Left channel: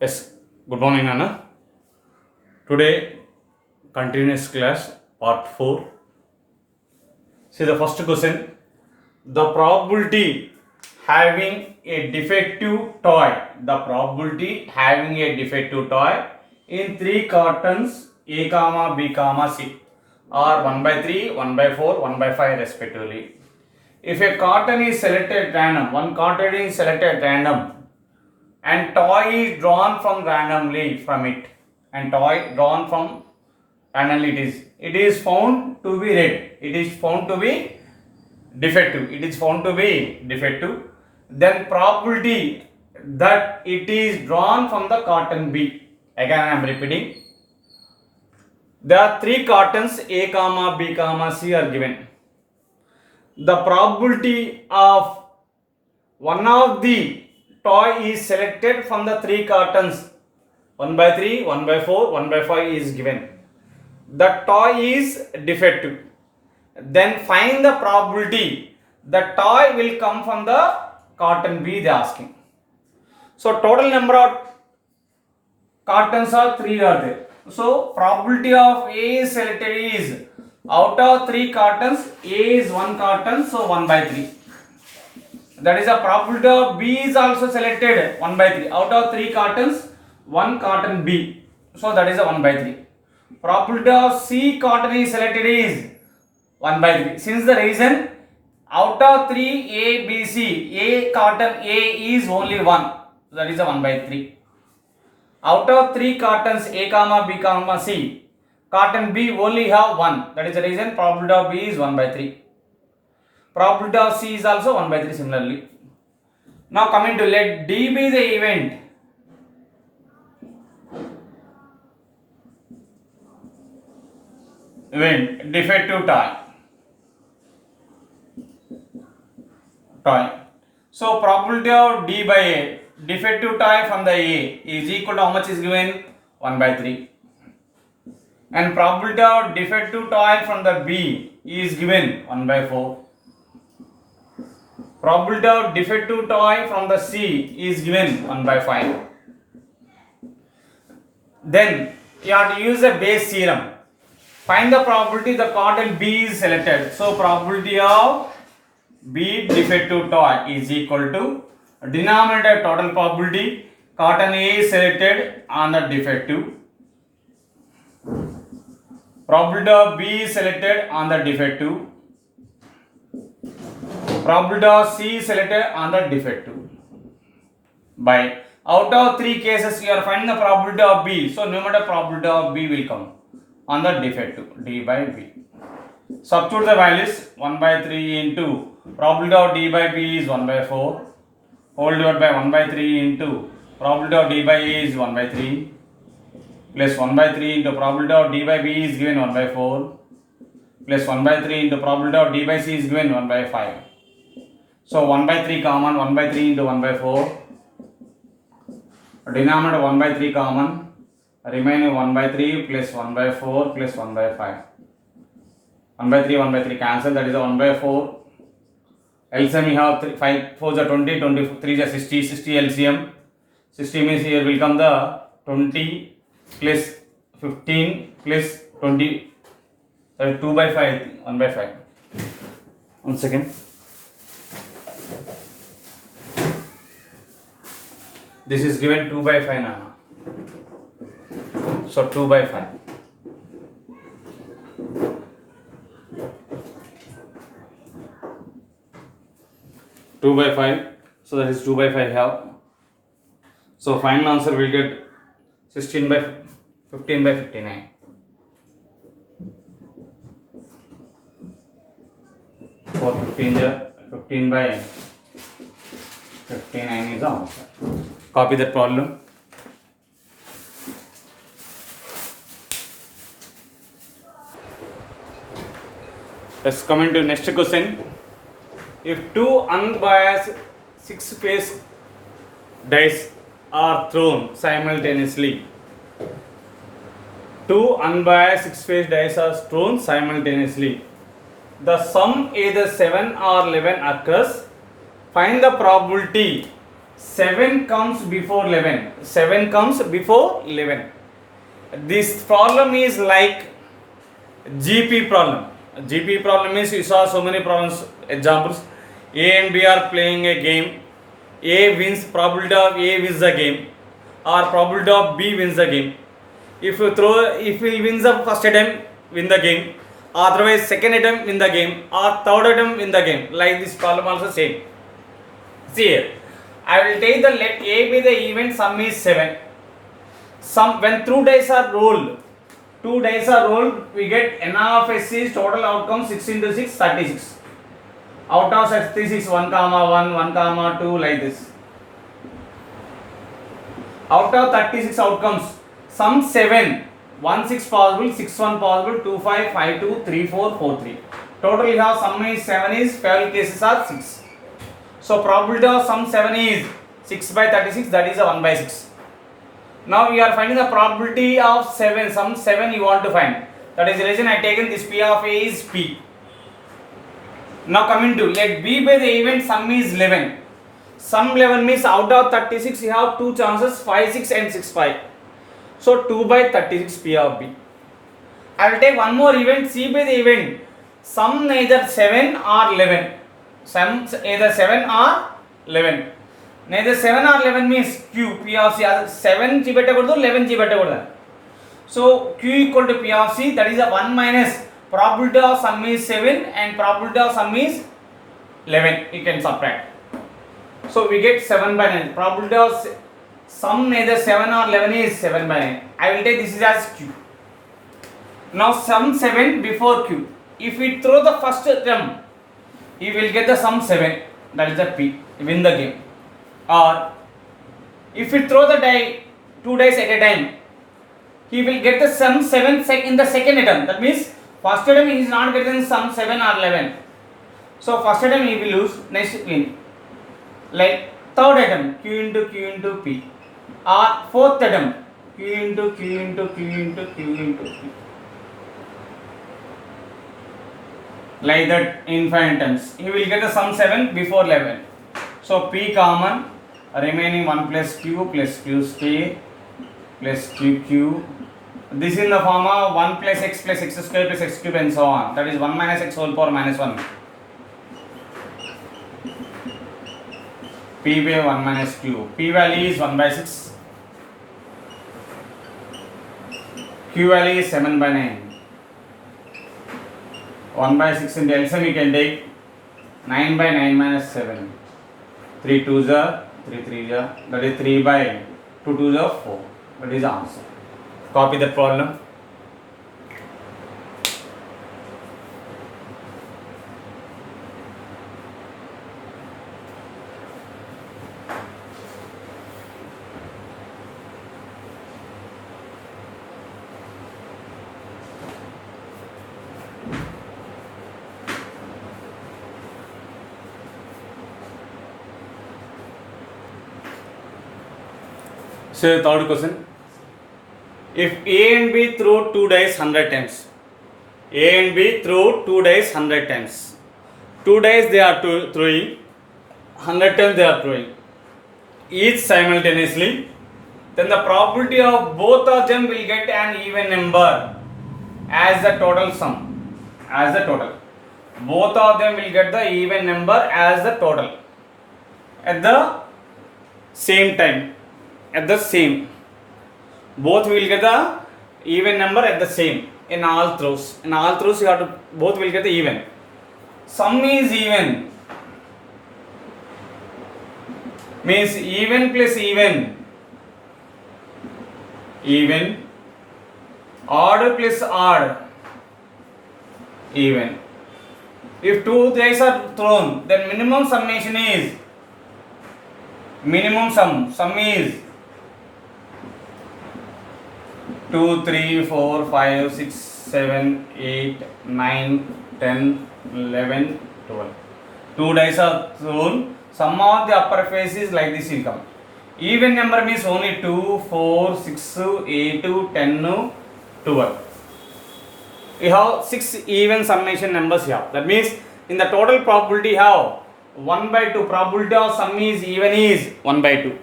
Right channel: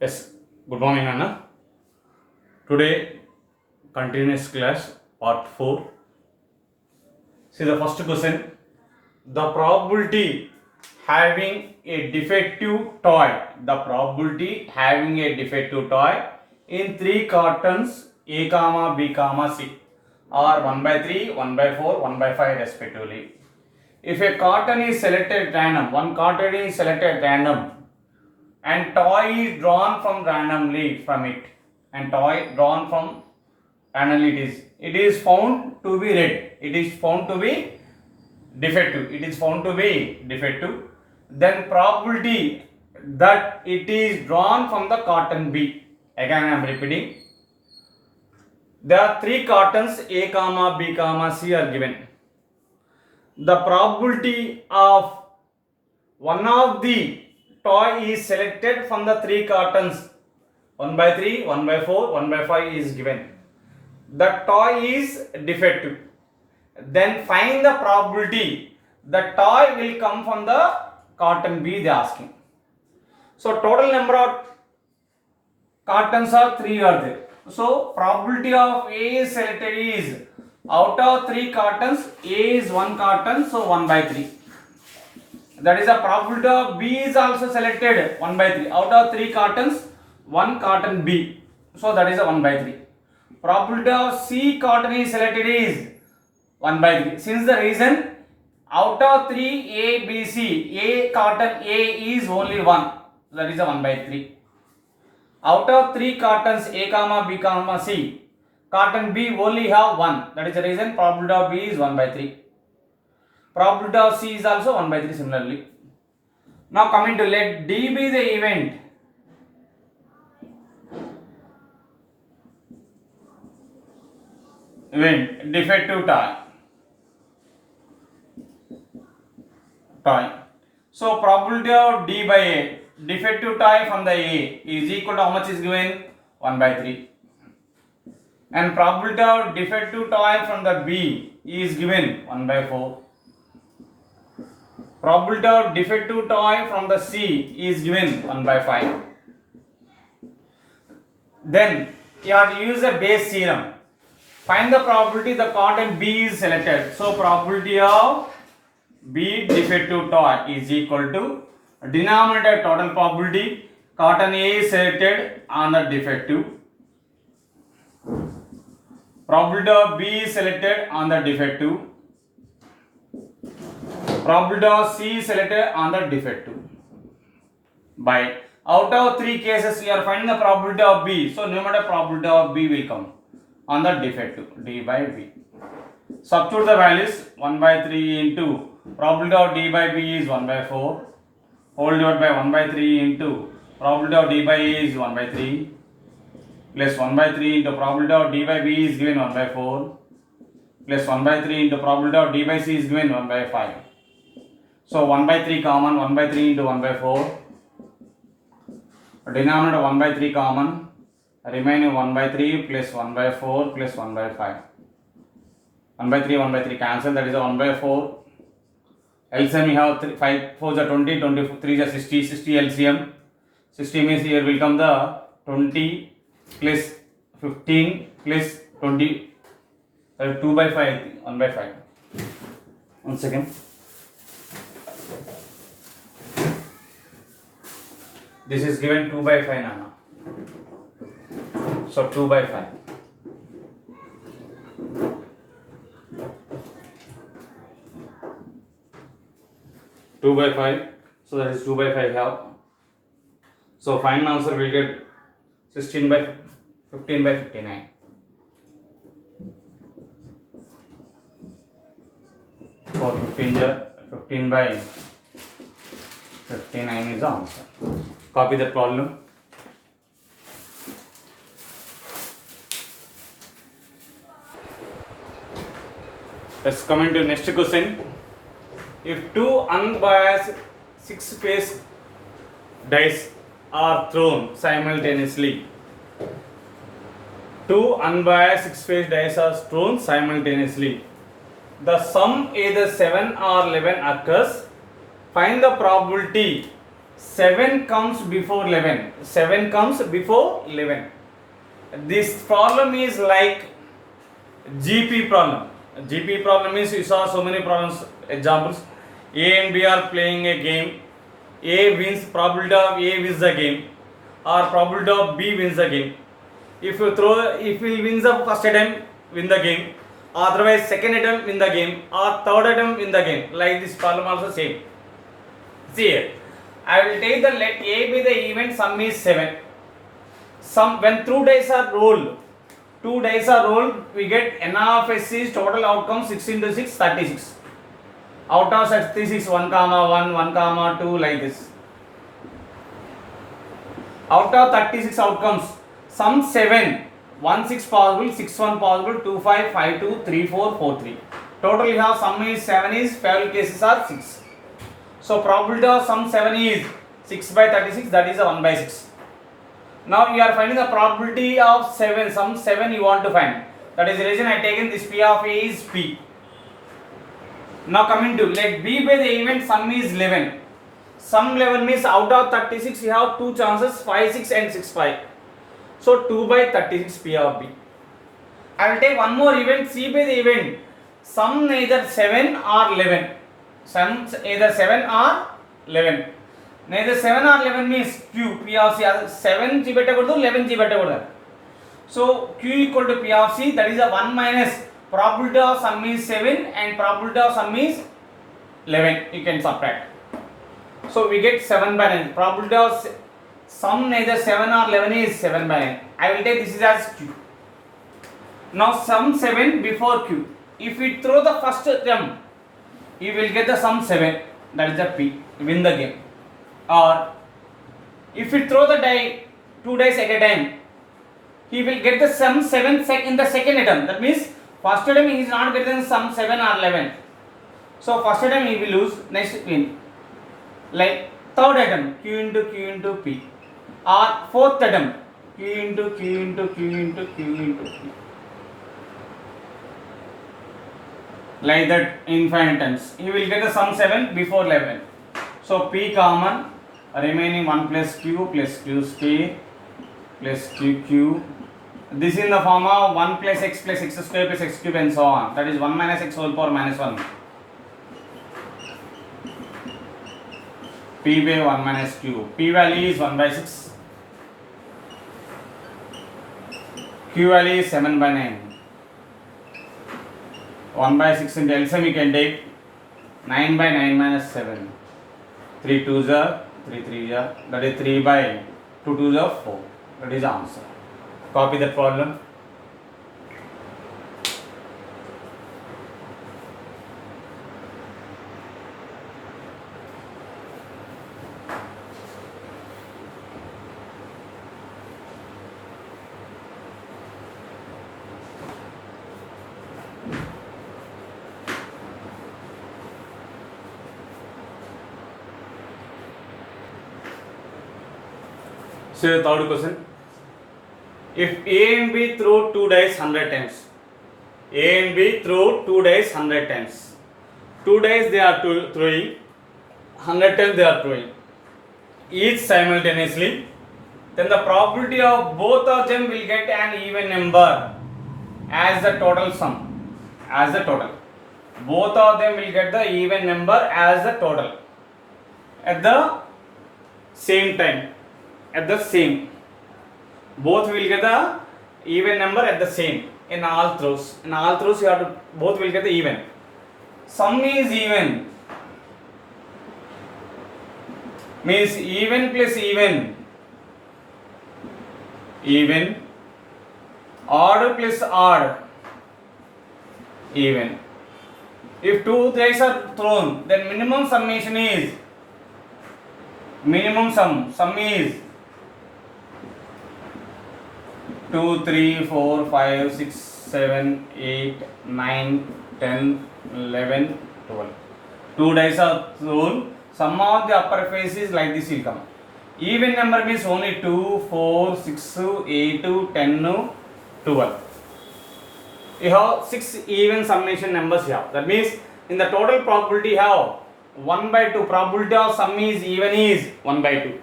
Yes, good morning, Anna. Today, continuous class, part 4. See the first question. The probability having a defective toy. The probability having a defective toy in 3 cartons A, comma B, comma C are 1 by 3, 1 by 4, 1 by 5 respectively. If a carton is selected random, one carton is selected random and toy is drawn from randomly from it, and toy drawn from randomly it is found to be red, it is found to be defective, it is found to be defective, then probability that it is drawn from the carton B. Again I am repeating, there are 3 cartons A, comma B, comma C are given. The probability of one of the toy is selected from the 3 cartons, 1 by 3, 1 by 4, 1 by 5 is given. The toy is defective. Then find the probability the toy will come from the carton B, they are asking. So total number of cartons are 3 are there. So probability of A is selected is, out of 3 cartons, A is 1 carton, so 1 by 3. That is the probability of B is also selected 1 by 3. Out of 3 cartons, 1 carton B. So that is a 1 by 3. Probability of C carton is selected is 1 by 3. Since the reason, out of 3 A, B, C, A carton A is only 1. That is a 1 by 3. Out of 3 cartons A, comma B, comma C, carton B only have 1. That is the reason probability of B is 1 by 3. Probability of C is also 1 by 3 similarly. Now coming to let D be the event. Defective toy. So probability of D by A, defective toy from the A is equal to how much is given? 1 by 3. And probability of defective toy from the B is given 1 by 4. Probability of defective toy from the C is given 1 by 5. Then you have to use the Bayes theorem. Find the probability the carton B is selected. So probability of B defective toy is equal to denominator total probability, carton A is selected on the defective, probability of B is selected on the defective, probability of C is selected on the defective, by out of 3 cases you are finding the probability of B, so numerator probability of B will come on the defective, D by B. Substitute the values, 1 by 3 into probability of D by B is 1 by 4, whole divided by 1 by 3 into probability of D by A is 1 by 3, plus 1 by 3 into probability of D by B is given 1 by 4, plus 1 by 3 into probability of D by C is given 1 by 5. So 1 by 3 common, 1 by 3 into 1 by 4, denominator 1 by 3 common, remaining 1 by 3 plus 1 by 4 plus 1 by 5. 1 by 3 cancel, that is a 1 by 4. LCM we have 5 4 is 20, 23 is 60, 60 LCM. 60 means here will come the 20 plus 15 plus 20, 2 by 5, 1 by 5. 1 second. This is given 2 by 5 now. So 2 by 5. Two by 5, so that is 2 by 5 here. So final answer will get 16 by 15 by 59. For 15 by 59 is the answer. Copy that problem. Let's come into next question. If 2 unbiased 6-face dice are thrown simultaneously, 2 unbiased 6-face dice are thrown simultaneously, the sum either 7 or 11 occurs. Find the probability 7 comes before 11. 7 comes before 11. This problem is like GP problem. GP problem means you saw so many problems, examples. A and B are playing a game. A wins, probability of A wins the game, or probability of B wins the game. If he wins the first attempt, win the game. Otherwise, second attempt win the game, or third attempt win the game. Like this problem also same. See here, I will take the let A be the event, sum is 7. Sum when 2 dice are rolled, we get n of s is total outcome 6 into 6, 36. Out of 36, 1 comma 1, 1 comma 2, like this. Out of 36 outcomes, sum 7, 1 6 possible, 6 1 possible, 2 5, 5 2, 3 4, 4 3. Total you have sum is 7 is, favorable cases are 6. So probability of sum 7 is 6 by 36, that is a 1 by 6. Now we are finding the probability of 7, sum 7 you want to find. That is the reason I taken this P of A is P. Now coming to let B by the event, sum is 11. Sum 11 means out of 36 you have 2 chances, 5 6 and 6 5. So 2 by 36 P of B. I will take one more event, C by the event, sum neither 7 or 11. Sum either 7 or 11. Neither 7 or 11 means Q, P of C, 7 G beta 11 G beta. So Q equal to P of C, that is a 1 minus probability of sum is 7 and probability of sum is 11. You can subtract. So we get 7 by 9. Probability of sum neither 7 or 11 is 7 by 9. I will take this is as Q. Now sum 7 before Q. If we throw the first term, you will get the sum 7. That is the P. Win the game. Or if we throw the die 2 dice at a time, he will get the sum 7 in the second attempt. That means first attempt he is not getting sum 7 or 11. So first attempt he will lose, next win. Like third attempt, Q into P. Or fourth attempt, Q into P. Like that infinite times. He will get the sum 7 before 11. So P common, remaining 1 plus Q square plus Q. This is in the form of 1 plus x square plus x cube and so on. That is 1 minus x whole power minus 1. P by 1 minus Q. P value is 1 by 6. Q value is 7 by 9. 1 by 6 into LCM we can take 9 by 9 minus 7. 3 2s are 3 3s are, that is 3 by 2 2s are 4. That is the answer. Copy the problem. So the third question. If A and B throw 2 dice 100 times, A and B throw 2 dice 100 times. 2 dice they are throwing, 100 times they are throwing, each simultaneously, then the probability of both of them will get an even number as the total sum. As the total. Both of them will get the even number as the total. At the same time. At the same. Both will get the even number at the same in all throws. In all throws you have to, both will get the even. Sum is even. Means even plus even. Even. Odd plus odd. Even. If 2 dice are thrown, then minimum summation is, minimum sum is 2, 3, 4, 5, 6, 7, 8, 9, 10, 11, 12. 2 dice are thrown, sum of the upper face is like this will come. Even number means only 2, 4, 6, 8, 10, 12. You have 6 even summation numbers here. That means in the total probability you have 1 by 2. Probability of sum is even is 1 by 2.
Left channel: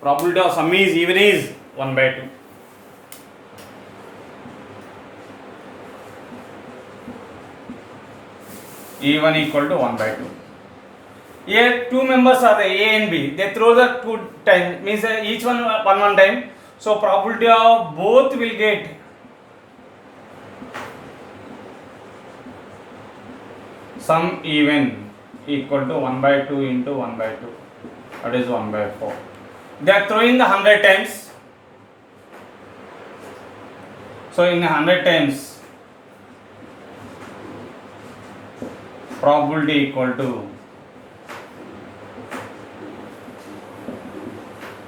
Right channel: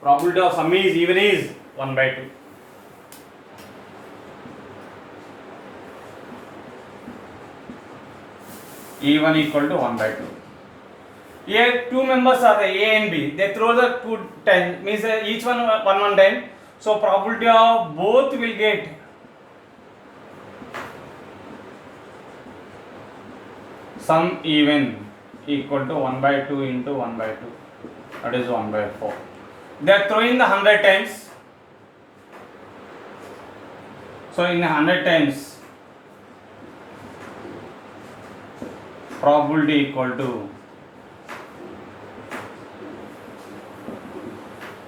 Probability of sum is even is 1 by 2. Even equal to 1 by 2. Here two members are A and B. They throw the 2 times, means each one time. So probability of both will get sum even equal to 1 by 2 into 1 by 2. That is 1 by 4. They are throwing the 100 times. So in 100 times, probability equal to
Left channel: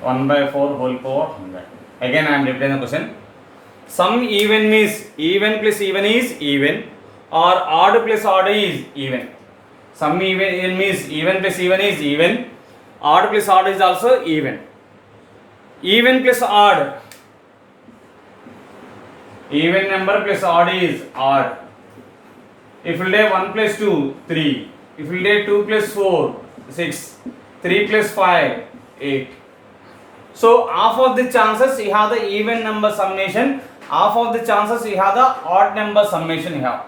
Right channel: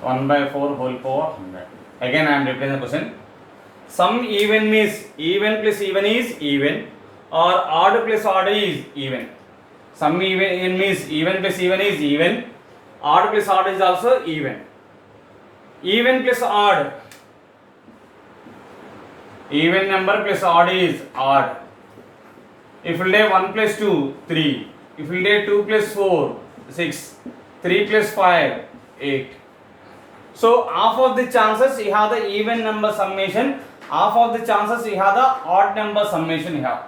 1 by 4 whole power 100. Again I am repeating the question. Sum even means even plus even is even, or odd plus odd is even. Sum even means even plus even is even, odd plus odd is also even. Even plus odd, even number plus odd is odd. If you take 1 plus 2, 3. If you take 2 plus 4, 6. 3 plus 5, 8. So half of the chances you have the even number summation, half of the chances you have the odd number summation you have.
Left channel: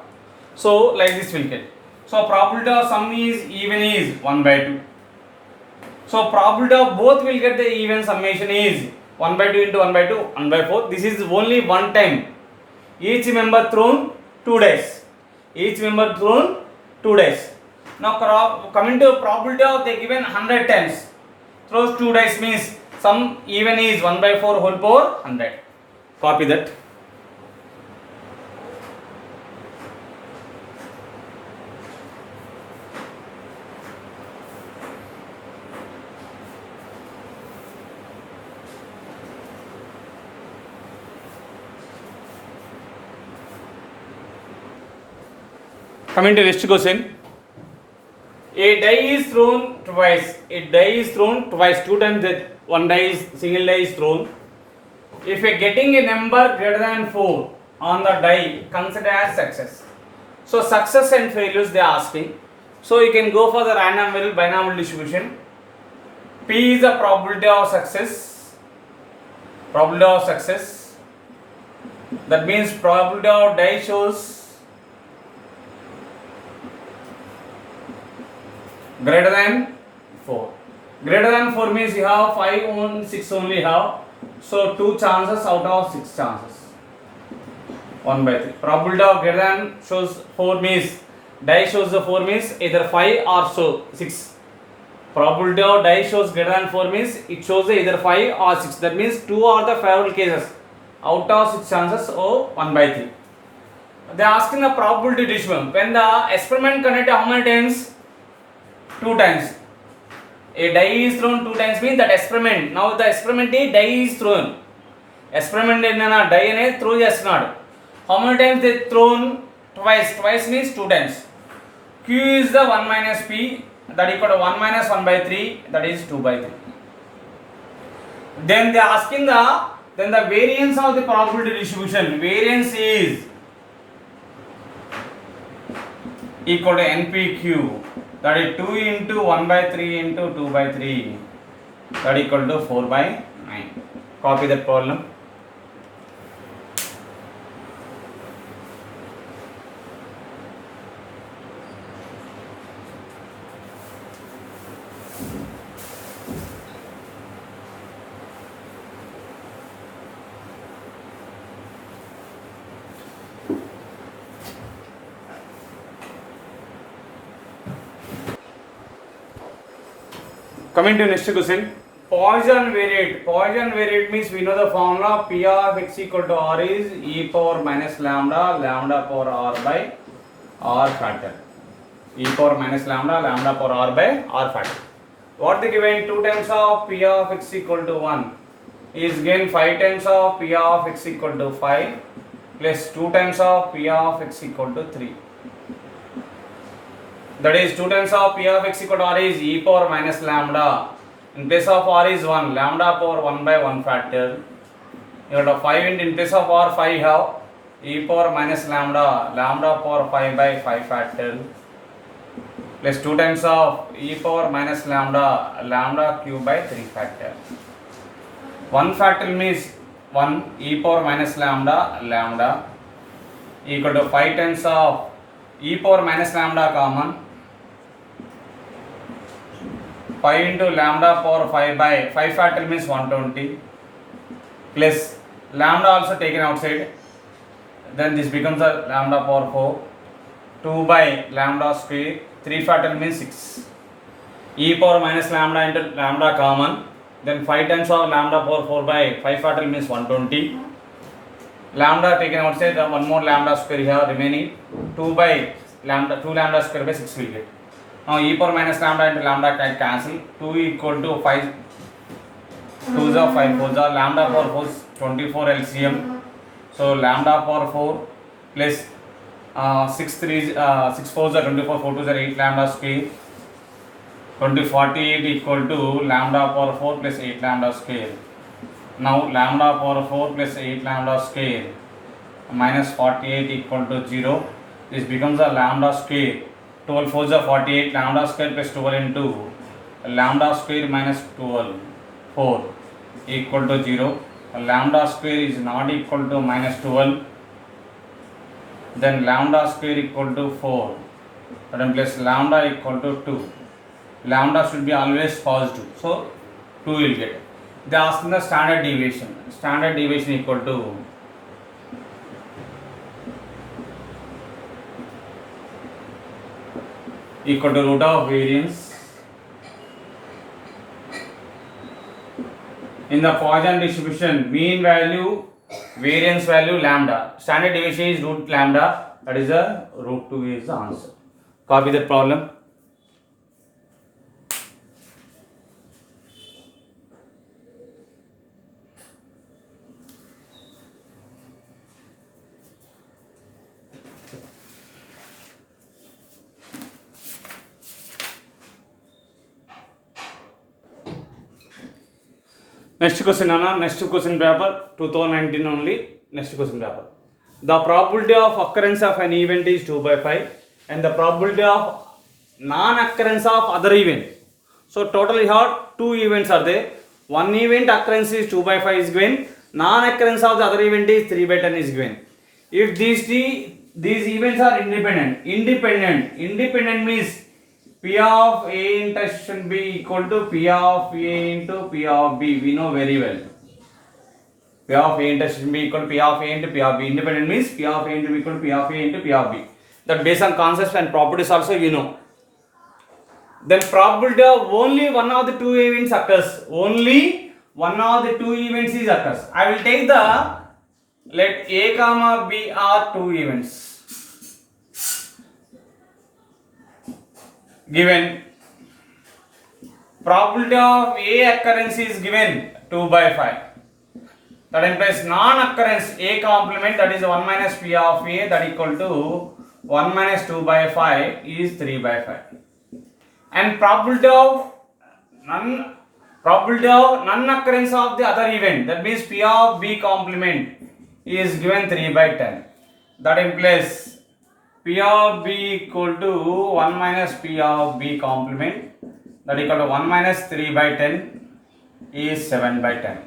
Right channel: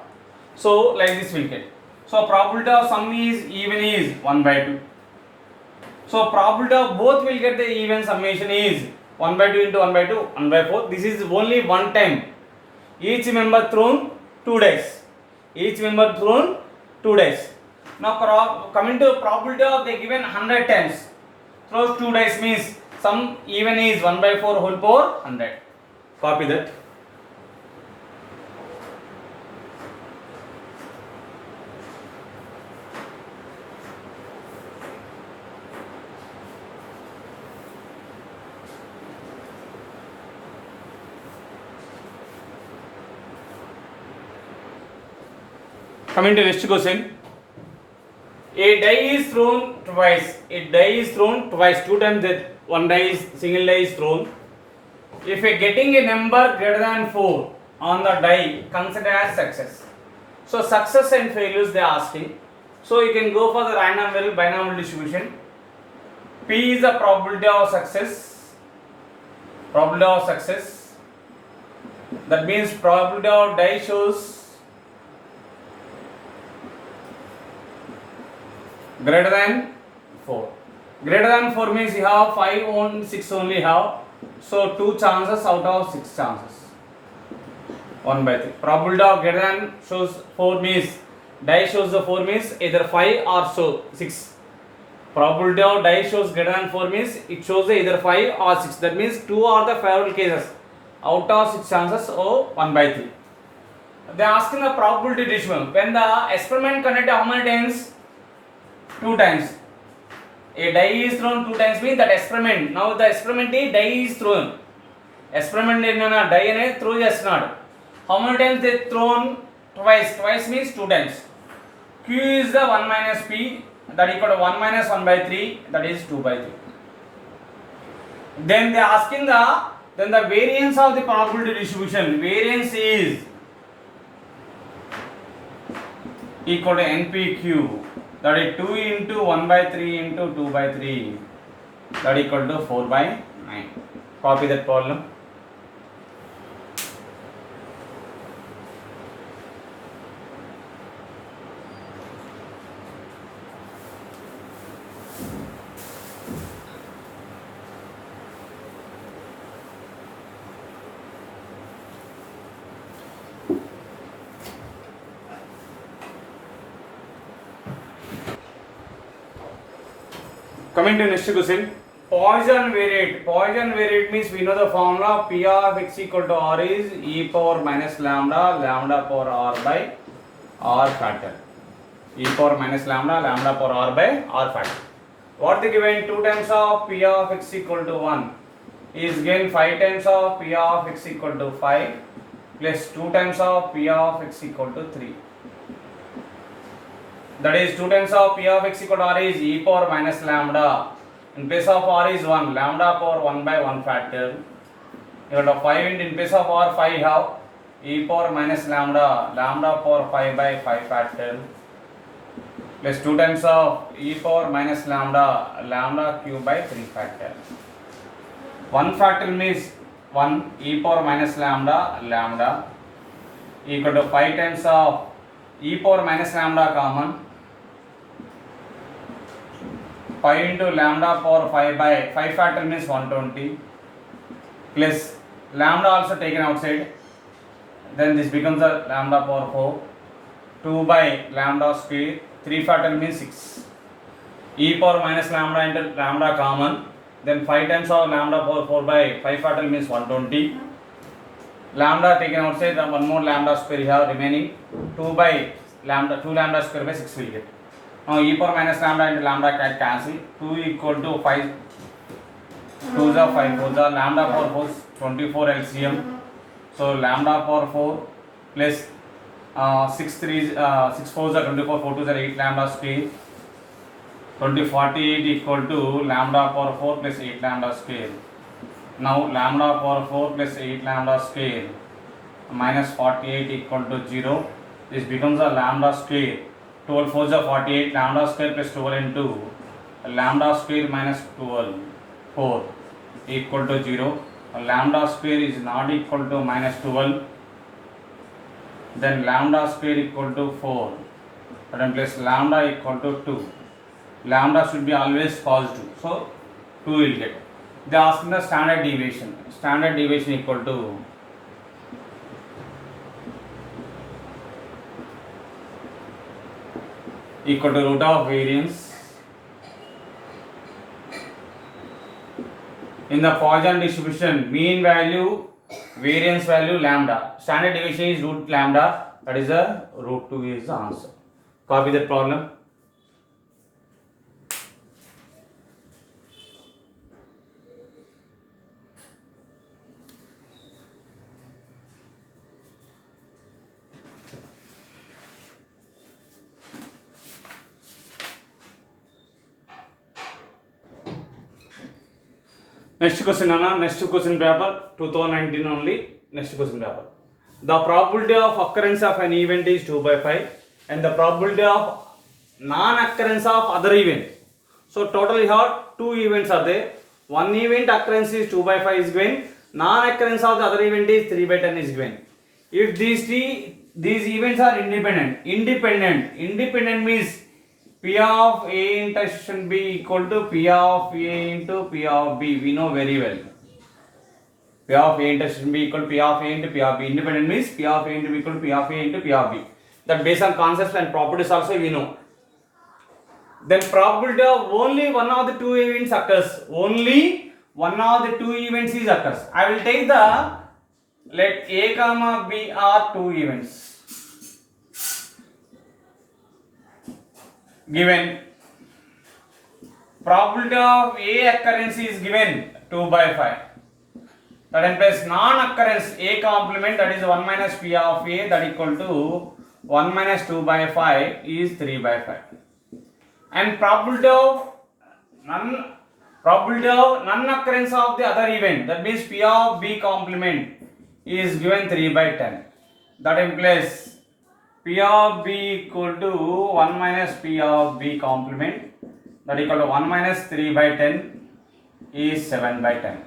So like this will get. So probability of sum is even is 1 by 2. So probability of both will get the even summation is 1 by 2 into 1 by 2, 1 by 4. This is only one time. Each member thrown 2 dice. Each member thrown 2 dice. Now coming to probability of the given 100 times. Throws 2 dice means sum even is 1 by 4 whole power 100. Copy that. Coming to next question. A die is thrown twice. A die is thrown twice. 2 times that one die is single die is thrown. If you are getting a number greater than 4 on the die, consider as success. So success and failures they are asking. So you can go for the random variable binomial distribution. P is the probability of success. Probability of success. That means probability of die shows greater than 4. Greater than 4 means you have 5 on 6 only have. So 2 chances out of 6 chances. 1 by 3. Probability of greater than shows 4 means die shows the 4 means either 5 or so 6. Probability of die shows greater than 4 means it shows either 5 or 6. That means 2 are the favorable cases. Out of 6 chances or 1 by 3. They are asking the probability distribution. When the experiment conducted how many times? 2 times. A die is thrown 2 times means that experiment. Now the experiment die is thrown. Experiment die ane throw chestunadu. How many times they thrown? Twice. Twice means 2 times. Q is the 1 minus P, that equal to 1 minus 1 by 3, that is 2 by 3. Then they are asking the variance of the probability distribution. Variance is equal to NPQ. That is 2 into 1 by 3 into 2 by 3, that equal to 4 by 9. Copy that problem. Coming to next question. Poisson variate. Poisson variate means we know the formula P of x equal to R is e power minus lambda, lambda power R by R factor. E power minus lambda, lambda power R by R factor. What they given? 2 times of P of x equal to 1 is given 5 times of P of x equal to 5 plus 2 times of P of x equal to 3. That is 2 times of P of x equal to R is e power minus lambda. In place of R is 1, lambda power 1 by 1 factor. You have 5 in place of R 5 have e power minus lambda, lambda power 5 by 5 factor. plus 2 times of e power minus lambda cube by 3 factor. 1 factorial means 1 e power minus lambda equal to 5 times of e power minus lambda common, 5 into lambda power 5 by 5 factorial means 120 plus lambda also taken outside, then this becomes a lambda power 4, 2 by lambda square, 3 factorial means 6, e power minus lambda into lambda common, then 5 times of lambda power 4 by 5 factorial means 120, lambda taken outside, then one more lambda square here remaining, 2 by lambda, 2 lambda square by 6 will get. Now e power minus lambda into lambda can cancel, 2 equal to 5, 2 is 5, 4 is lambda power 4 is 24 LCM, so lambda power 4 plus 6 4 is 24, 4 2 is 8 lambda square, 48 equal to lambda power 4 plus 8 lambda square. Now lambda power 4 plus 8 lambda square minus 48 equal to 0. This becomes a lambda square. 12 4 is 48, lambda square plus 12 into lambda square minus 12 4 equal to 0. Lambda square is not equal to minus 12. Then lambda square equal to 4. Then plus lambda equal to 2. Lambda should be always positive. So 2 will get. They are asking the standard deviation. Standard deviation equal to root of variance in the Poisson distribution, mean value, variance value, lambda. Standard deviation is root lambda, that is the root 2 is the answer. Copy the problem. Next question, Anna. Next question paper, 2019 only. Next question paper. The probability of occurrence of an event is 2 by 5 and the probability of non-occurrence of other event. So total you have 2 events are there. One event occurrence is 2 by 5 is given. Non-occurrence of the other event is 3 by 10 is given. If these events are independent means P of A intersection B equal to P of A into P of B. We know very well. P of A intersection B equal to P of A into P of B. Independent means P of A into B equal to P of A into P of B. That based on concepts and properties also we know. Then probability of only one of the 2 events occurs. Only one of the 2 events is occurs. I will take the, let A comma B are 2 events. Given probability of A occurrence is given 2 by 5. That implies non-occurrence A complement, that is 1 minus P of A, that equal to 1 minus 2 by 5 is 3 by 5. And probability of non-occurrence of the other event, that means P of B complement is given 3 by 10. That implies P of B equal to 1 minus P of B complement, that equal to 1 minus 3 by 10 is 7 by 10.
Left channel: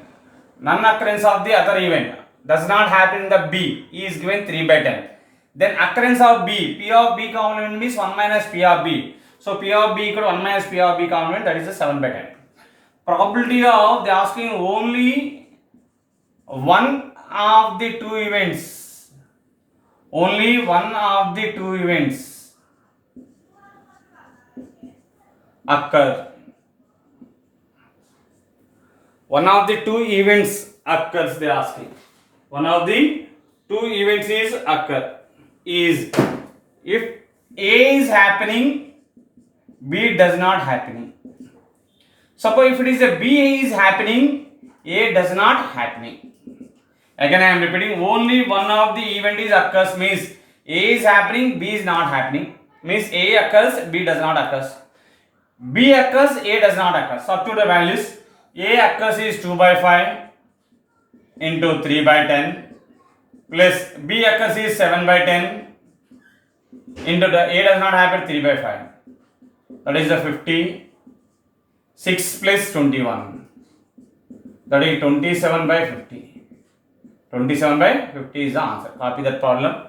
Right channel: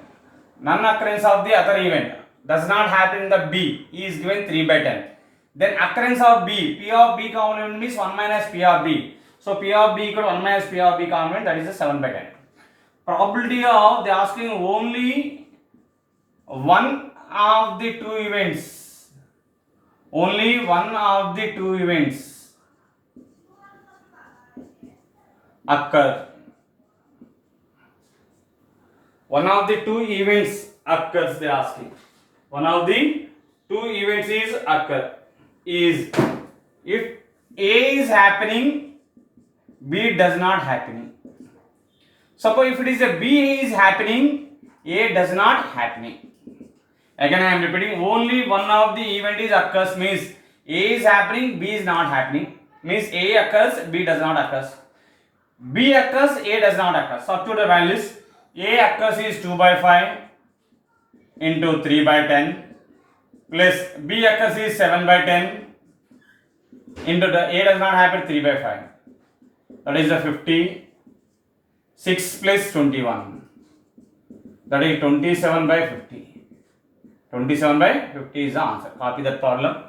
Non-occurrence of the other event does not happen in the B is given 3 by 10. Then occurrence of B, P of B complement means 1 minus P of B. So P of B equal to 1 minus P of B complement, that is a 7 by 10. Probability of, they are asking only one of the 2 events. Only one of the 2 events occur. One of the 2 events occurs, they are asking. One of the 2 events is occur. Is if A is happening, B does not happening. Suppose if it is a B is happening, A does not happening. Again I am repeating, only one of the event is occurs means A is happening, B is not happening. Means A occurs, B does not occurs. B occurs, A does not occur. Substitute the values. A occurs is 2 by 5 into 3 by 10 plus B occurs is 7 by 10 into the A does not happen 3 by 5. That is the 56 plus 21. That is 27 by 50. 27 by 50 is the answer. Copy that problem.